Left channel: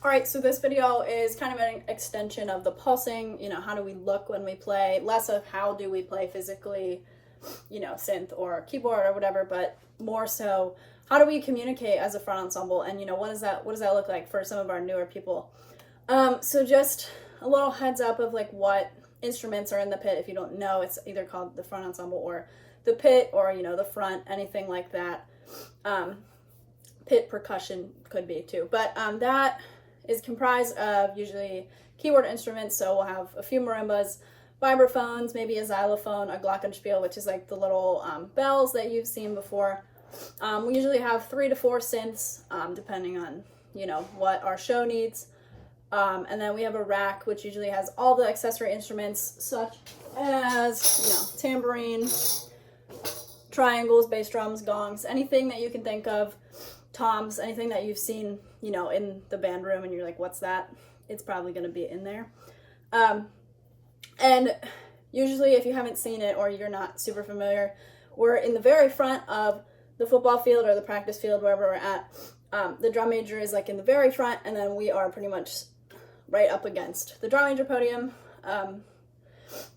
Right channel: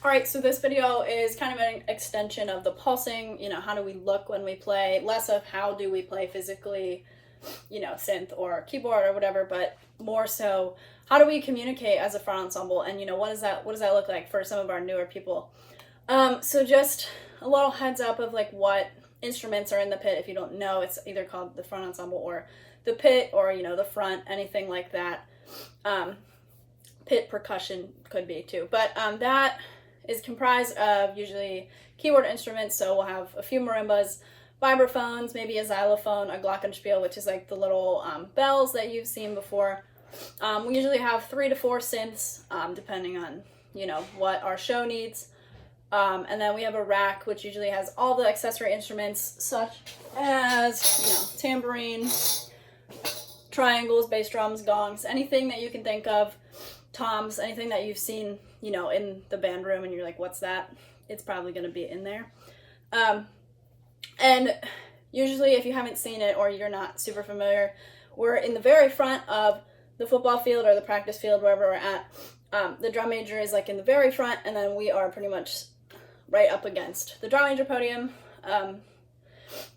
All right, so this video is kind of an extension of the pulsing, how do we look when we play, less of how do we play physically, synth or keyboard or whatever, but more so how do we communicate as a front ensemble, and what does that look like for some of our newer people. So just a little heads up of like what instruments are in the pit. If you don't know, it's either called the front ensemble or the pit, or the front, anything like that. Pit percussion could be too, but that is comprised of usually keyboard instruments. So we'll have a few marimbas, vibraphones, maybe a xylophone, a glockenspiel, which is like the little bells that you've seen before. We usually have 3 to 4 synths, depending on what our show needs. And then we have a rack, which usually has all the accessory instruments, such as tambourine, triangles, bass drums, gongs, anything that you can think of, toms, anything that you've seen in the band room and you're like, what's that? It's probably going to be in there. And usually if you haven't seen it or you're not super familiar, we're in the very front of the football field or the practice field, wherever we're at. The drum major is like in the very front, and then we are pretty much right up against the drum major podium.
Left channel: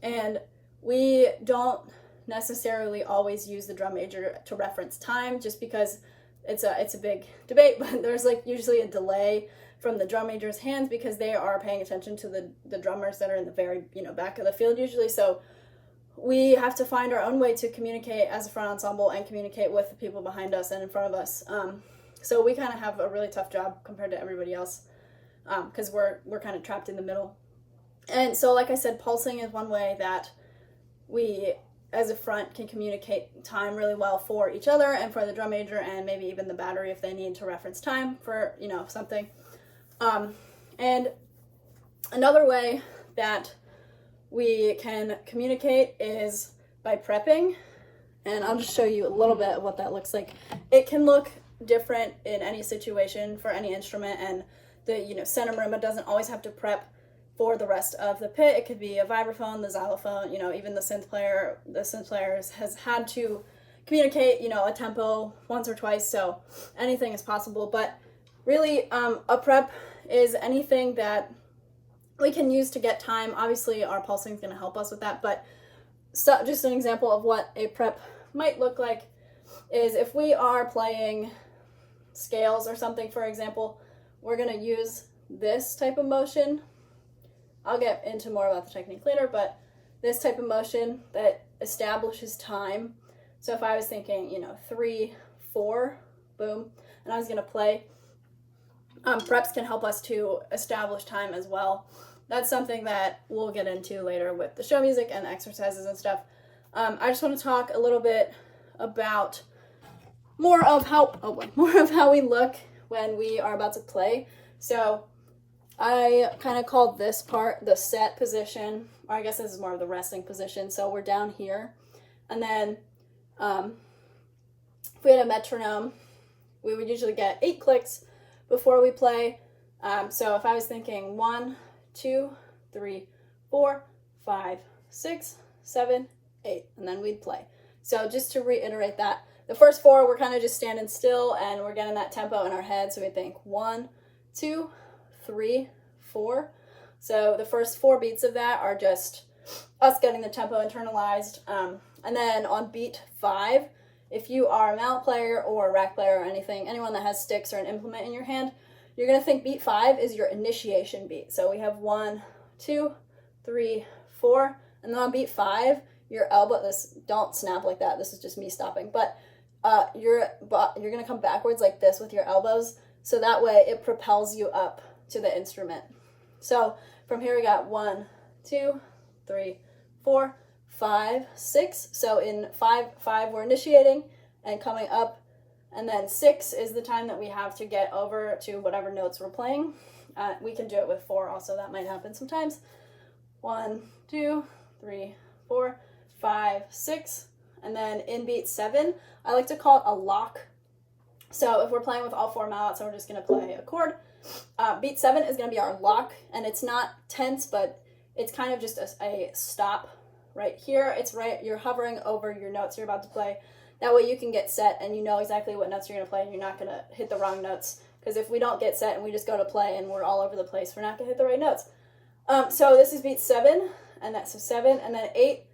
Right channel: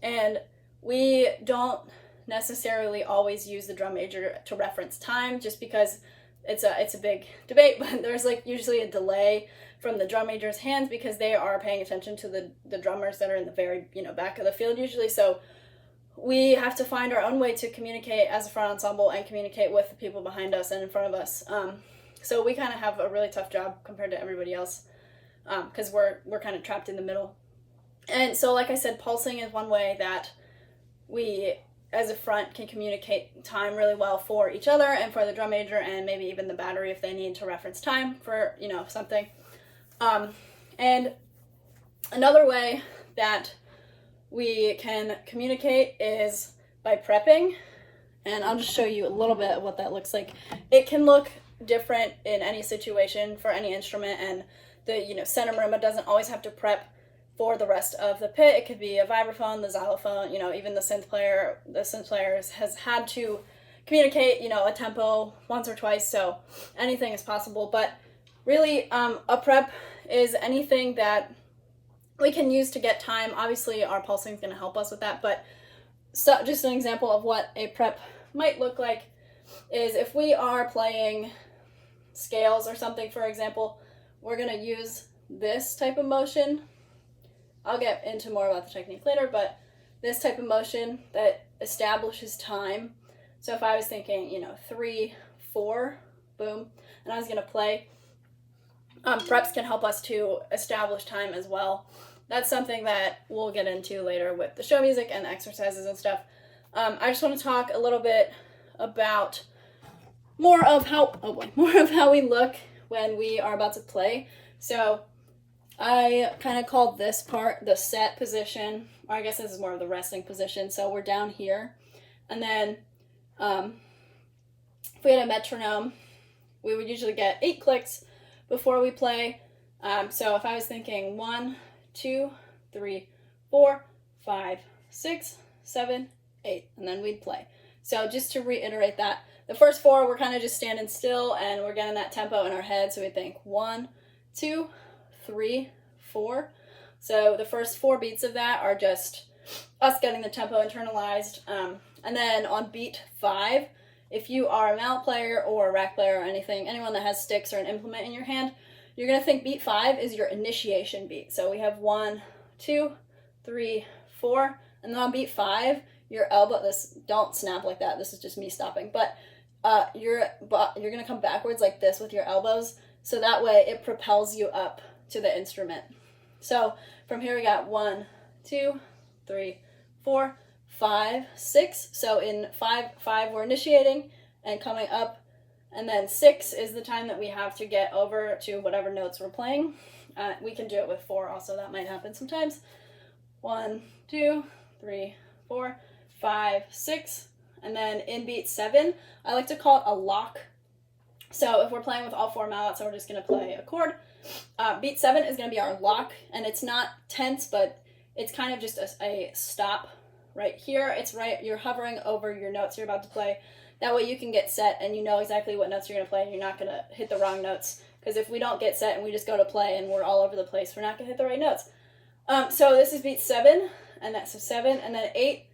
And we don't necessarily always use the drum major to reference time, just because it's a big debate, but there's like usually a delay from the drum major's hands because they are paying attention to the drummers that are in the very back of the field usually. So we have to find our own way to communicate as a front ensemble and communicate with the people behind us and in front of us. So we kind of have a really tough job compared to everybody else, because we're kind of trapped in the middle. And so, like I said, pulsing is one way that we as a front can communicate time really well for each other and for the drum major, and maybe even the battery if they need to reference time for something. And another way that we can communicate is by prepping, and I'll just show you a little bit of what that looks like. It can look different in any situation for any instrument, and the center marimba doesn't always have to prep for the rest of the pit. It could be a vibraphone, the xylophone, even the synth player. The synth player has had to communicate, a tempo once or twice, so anything is possible. But really, a prep is anything that we can use to get time. Obviously, our pulsing is going to help us with that, but so just an example of what a prep might look like is if we are playing scales or something, for example, we're going to use this type of motion. I'll get into more about the technique later, but this type of motion that establishes time. So if I was thinking, 3, 4, boom, and I was gonna play, preps can help us to establish time as well. That's something that we'll get into later with the show music and exercises and stuff. I just want to talk a little bit about more of how we look when we are about to play. So I kind of called this part the set position, or I guess this is more of the resting position. So we're down here, and then if we had a metronome, we would usually get 8 clicks before we play. So if I was thinking 1, 2, 3, 4, 5, 6, 7, 8, and then we'd play. So just to reiterate that, the first 4 we're kind of just standing still and we're getting that tempo in our head. So we think 1, 2, 3, 4. So the first 4 beats of that are just us getting the tempo internalized. And then on beat 5, if you are a mallet player or a rack player or anyone that has sticks or an implement in your hand, you're going to think beat 5 is your initiation beat. So we have 1, 2, 3, 4, and then on beat 5, your elbow, don't snap like that, this is just me stopping, but you're going to come backwards like this with your elbows, so that way it propels you up to the instrument. So from here we got 1, 2, 3, 4, 5, 6. So in 5 we're initiating and coming up, and then 6 is the time that we have to get over to whatever notes we're playing. We can do it with 4 also, that might happen sometimes. 1, 2, 3, 4, 5, 6, and then in beat 7, I like to call it a lock. So if we're playing with all 4 mallets and we're just going to play a chord, beat 7 is going to be our lock, and it's not tense, but it's kind of just a stop right here. It's right, you're hovering over your notes you're about to play. That way you can get set and you know exactly what notes you're going to play, and you're not going to hit the wrong notes because if we don't get set and we just go to play and we're all over the place, we're not going to hit the right notes. So this is beat 7, and that's a 7, and then 8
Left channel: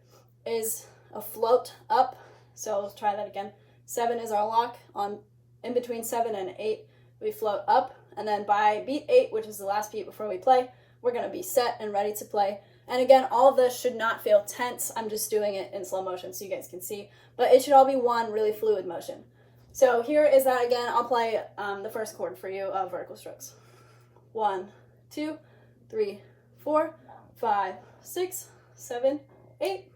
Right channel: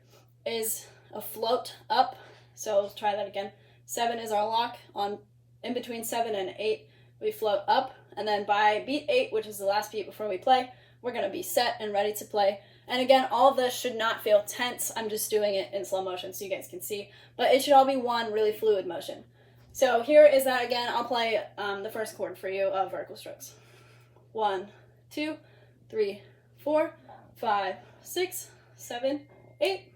is a float up. So let's try that again. 7 is our lock. On in between 7 and 8, we float up, and then by beat 8, which is the last beat before we play, we're going to be set and ready to play. And again, all of this should not feel tense. I'm just doing it in slow motion so you guys can see, but it should all be one really fluid motion. So here is that again. I'll play the first chord for you of vertical strokes. 1, 2, 3, 4, 5, 6, 7, 8.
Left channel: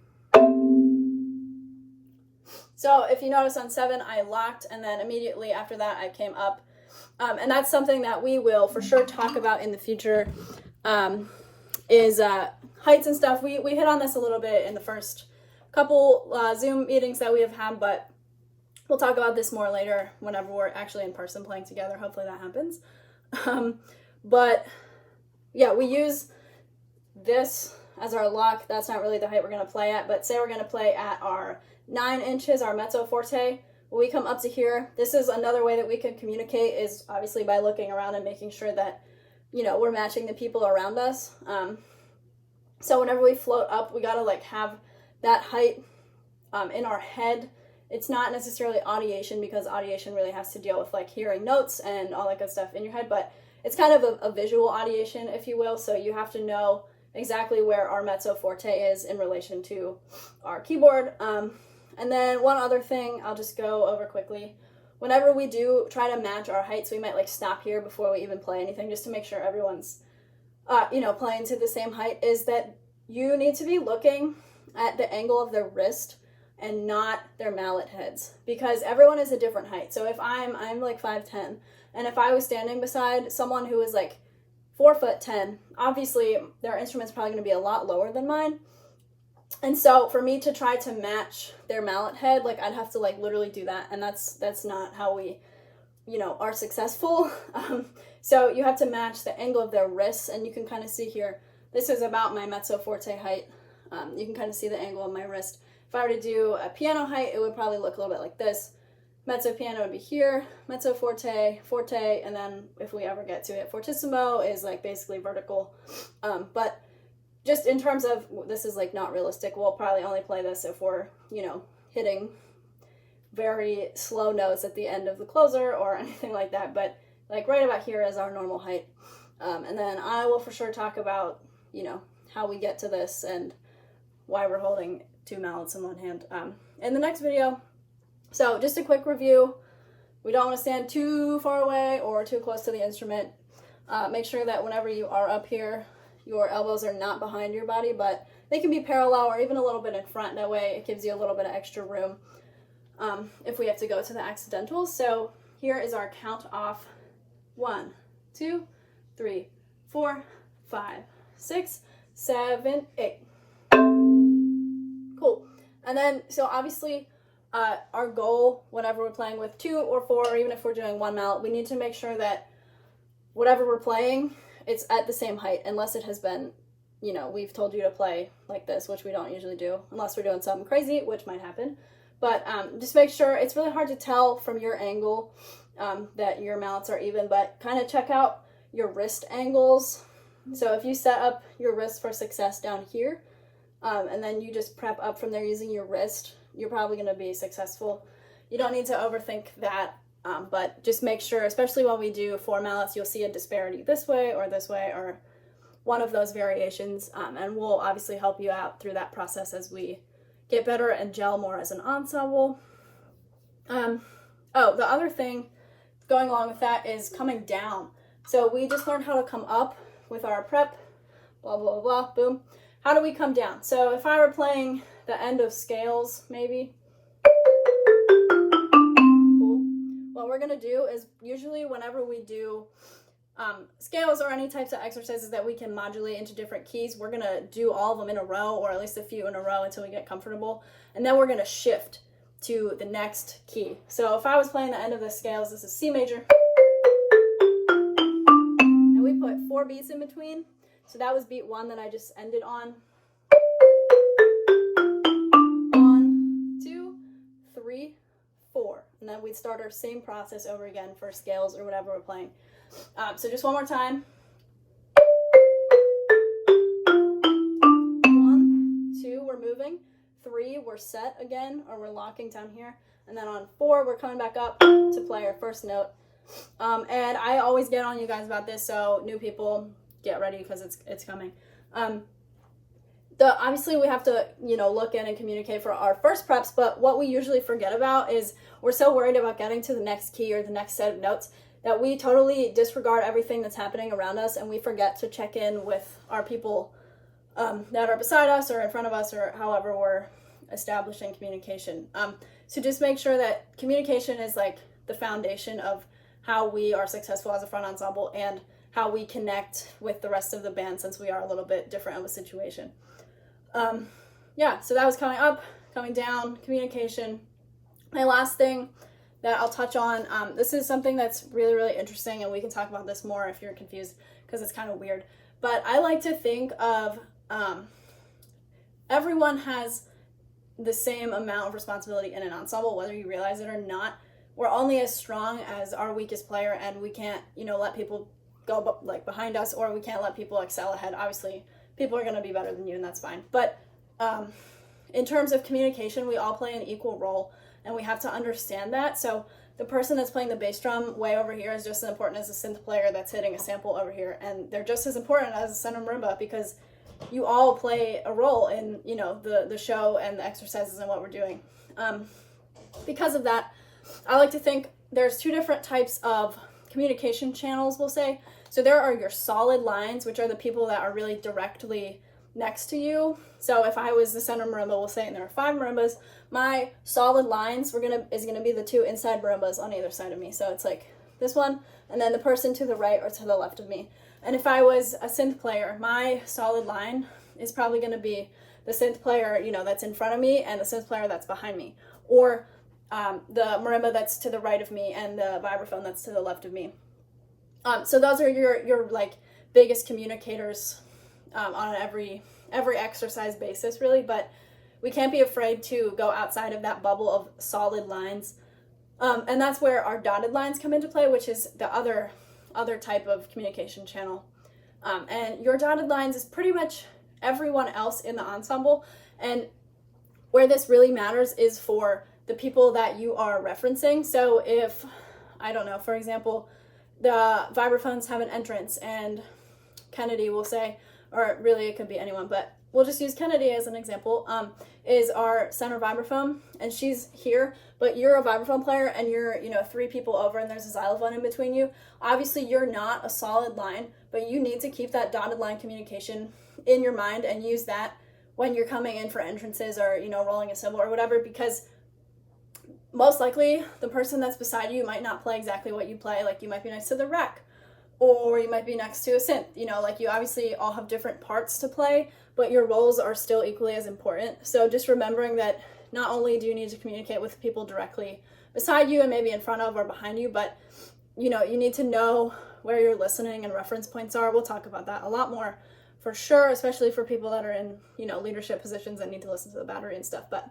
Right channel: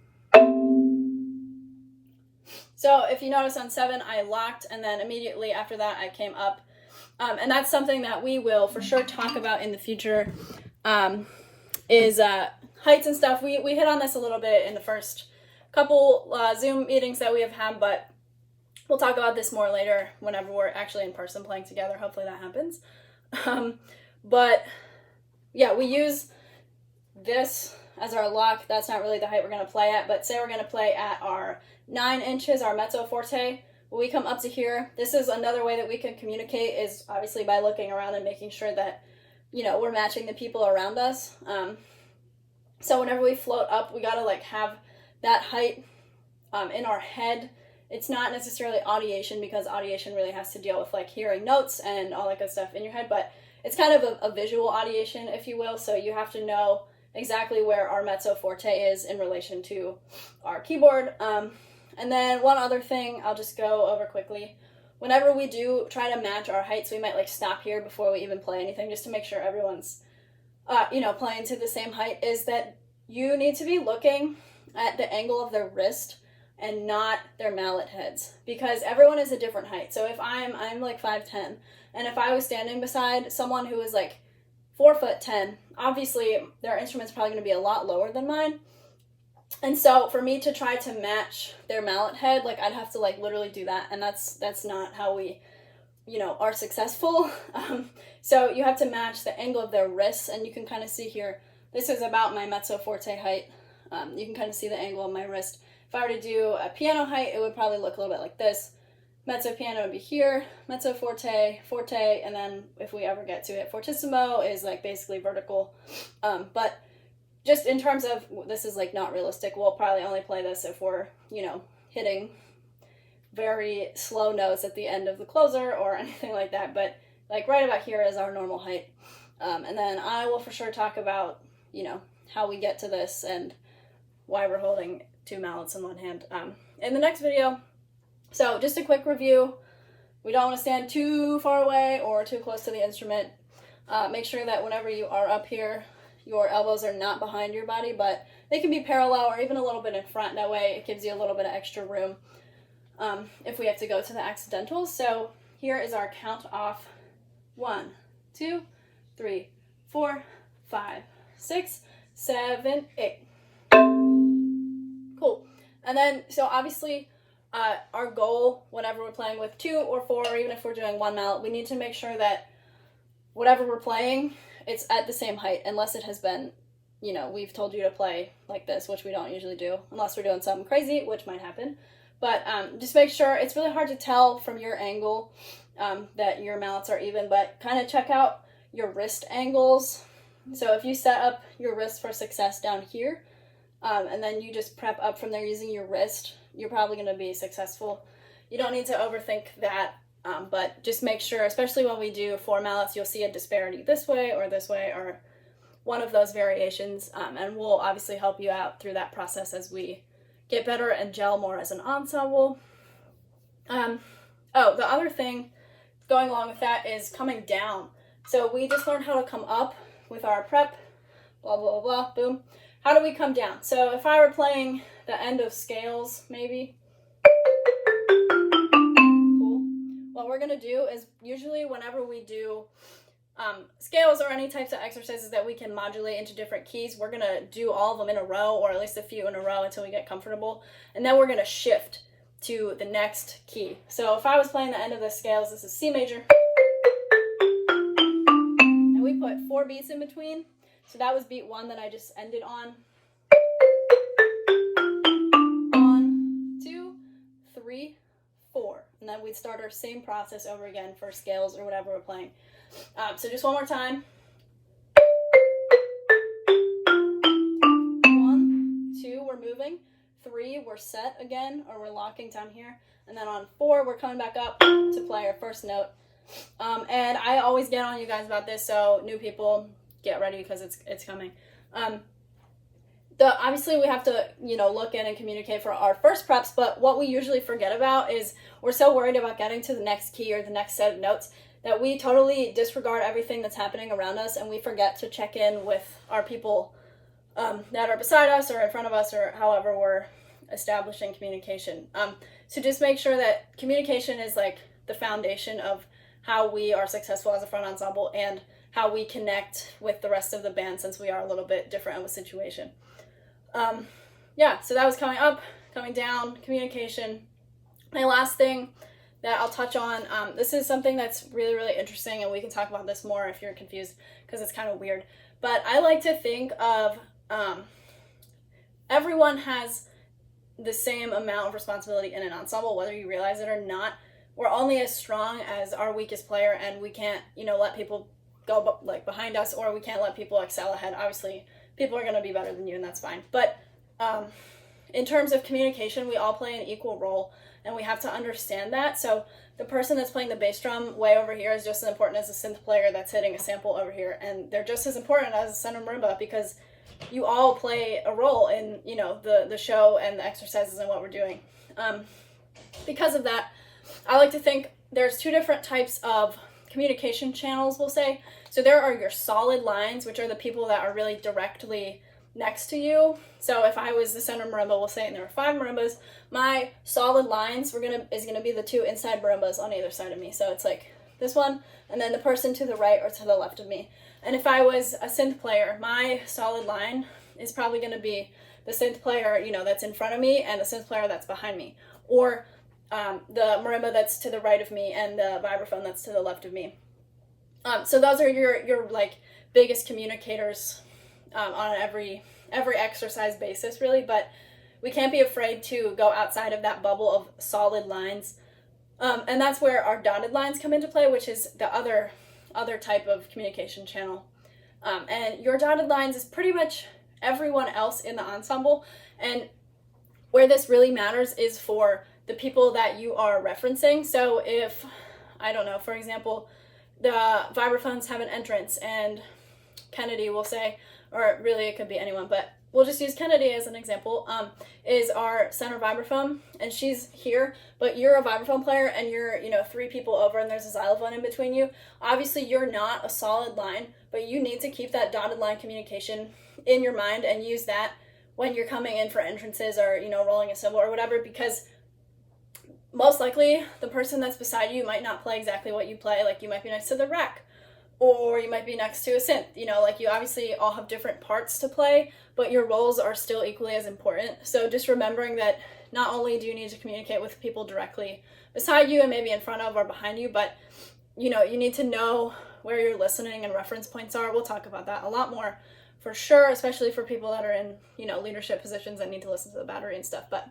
So if you notice on 7, I locked, and then immediately after that, I came up. And that's something that we will for sure talk about in the future, is heights and stuff. We hit on this a little bit in the first couple Zoom meetings that we have had, but we'll talk about this more later whenever we're actually in person playing together. Hopefully that happens. But yeah, we use this as our lock. That's not really the height we're going to play at, but say we're going to play at our 9 inches, our mezzo forte. When we come up to here, this is another way that we can communicate, is obviously by looking around and making sure that, you know, we're matching the people around us. So whenever we float up, we got to like have that height in our head. It's not necessarily audiation, because audiation really has to deal with like hearing notes and all that good stuff in your head, but it's kind of a visual audiation, if you will. So you have to know exactly where our mezzo forte is in relation to our keyboard. And then one other thing I'll just go over quickly. Whenever we do try to match our heights, we might like stop here before we even play anything, just to make sure everyone's, playing to the same height, is that you need to be looking at the angle of their wrist and not their mallet heads, because everyone is a different height. So if I'm like 5'10", and if I was standing beside someone who was like 4'10", obviously their instrument's probably going to be a lot lower than mine. And so for me to try to match their mallet head, like I'd have to like literally do that, and that's not how we, are successful. So you have to match the angle of their wrists, and you can kind of see here, this is about my mezzo forte height. You can kind of see the angle of my wrist. If I were to do a piano height, it would probably look a little bit like this. Mezzo piano would be here, mezzo forte, forte, and then if we ever get to it, fortissimo is like basically vertical. But just in terms of, this is like not realistic. We'll probably only play this if we're, hitting very slow notes at the end of the closer or anything like that. But like right about here is our normal height. And then I will for sure talk about, how we get to this and why we're holding 2 mallets in one hand in the next video. So just a quick review. We don't want to stand too far away or too close to the instrument. Make sure that whenever you are up here, your elbows are not behind your body, but they can be parallel or even a little bit in front. That way it gives you a little bit of extra room if we have to go to the accidentals. So here is our count off. 1, 2, 3, 4, 5, 6, 7, 8. Cool. And then, so obviously our goal, whenever we're playing with 2 or 4, or even if we're doing 1 mallet, we need to make sure that whatever we're playing, it's at the same height, unless it has been, we've told you to play like this, which we don't usually do, unless we're doing something crazy, which might happen. But just make sure, it's really hard to tell from your angle that your mallets are even, but kind of check out your wrist angles. So if you set up your wrist for success down here, and then you just prep up from there using your wrist, you're probably going to be successful. You don't need to overthink that, but just make sure, especially when we do 4 mallets, you'll see a disparity this way, or one of those variations, and we'll obviously help you out through that process as we get better and gel more as an ensemble. The other thing going along with that is coming down. So we just learned how to come up with our prep, blah, blah, blah, blah, boom. How do we come down? So if I were playing the end of scales, maybe, cool. What we're gonna do is, usually whenever we do scales or any types of exercises that we can modulate into different keys, we're gonna do all of them in a row, or at least a few in a row until we get comfortable. And then we're gonna shift to the next key. So if I was playing the end of the scales, this is C major. And we put 4 beats in between. So that was beat 1 that I just ended on. 1, 2, 3, 4. And then we'd start our same process over again for scales or whatever we're playing. So just one more time. 1, 2, we're moving. 3, we're set again, or we're locking down here. And then on 4, we're coming back up to play our first note. And I always get on you guys about this, so new people, get ready because it's coming. Obviously we have to, look in and communicate for our first preps, but what we usually forget about is we're so worried about getting to the next key or the next set of notes that we totally disregard everything that's happening around us, and we forget to check in with our people that are beside us or in front of us, or however we're establishing communication. So just make sure that communication is like the foundation of how we are successful as a front ensemble and how we connect with the rest of the band, since we are a little bit different of a situation. So that was coming up, coming down, communication. My last thing that I'll touch on, this is something that's really, really interesting, and we can talk about this more if you're confused, because it's kind of weird. But I like to think of everyone has the same amount of responsibility in an ensemble, whether you realize it or not. We're only as strong as our weakest player, and we can't, let people go behind us, or we can't let people excel ahead. Obviously, people are going to be better than you, and that's fine. But in terms of communication, we all play an equal role, and we have to understand that. So the person that's playing the bass drum way over here is just as important as the synth player that's hitting a sample over here, and they're just as important as a center marimba, because you all play a role in, the show and the exercises and what we're doing. Because of that, I like to think there's 2 different types of communication channels, we'll say. So there are your solid lines, which are the people that are really directly next to you. So if I was the center marimba, we'll say, and there are 5 marimbas, my solid lines is gonna be the 2 inside marimbas on either side of me. So it's like this one, and then the person to the right or to the left of me. And if I was a synth player, my solid line is probably going to be the synth player, that's in front of me, and the synth player that's behind me, or the marimba that's to the right of me and the vibraphone that's to the left of me. So those are your like biggest communicators on every exercise basis, really. But we can't be afraid to go outside of that bubble of solid lines, and that's where our dotted lines come into play, which is the other type of communication channel. And your dotted lines is pretty much everyone else in the ensemble, and where this really matters is for the people that you are referencing. So if, I don't know, for example, the vibraphones have an entrance, and Kennedy will say, or really it could be anyone, but we'll just use Kennedy as an example, is our center vibraphone, and she's here, but you're a vibraphone player, and you're, 3 people over, and there's a xylophone in between you. Obviously, you're not a solid line, but you need to keep that dotted line communication in your mind and use that when you're coming in for entrances or, rolling a cymbal or whatever, because most likely the person that's beside you might not play exactly what you play. Like, you might be next to the rack, or you might be next to a synth, you obviously all have different parts to play, but your roles are still equally as important. So just remembering that not only do you need to communicate with people directly beside you and maybe in front of or behind you, but you need to know where your listening and reference points are. We'll talk about that a lot more for sure, especially for people that are in, leadership positions that need to listen to the battery and stuff, but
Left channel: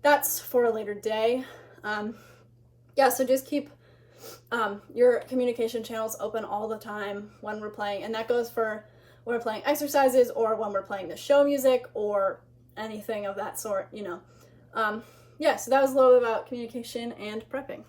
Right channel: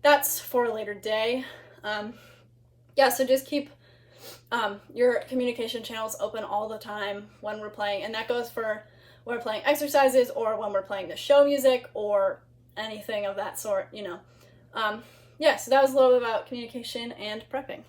that's for a later day. So just keep your communication channels open all the time when we're playing, and that goes for when we're playing exercises or when we're playing the show music or anything of that sort. So that was a little bit about communication and prepping.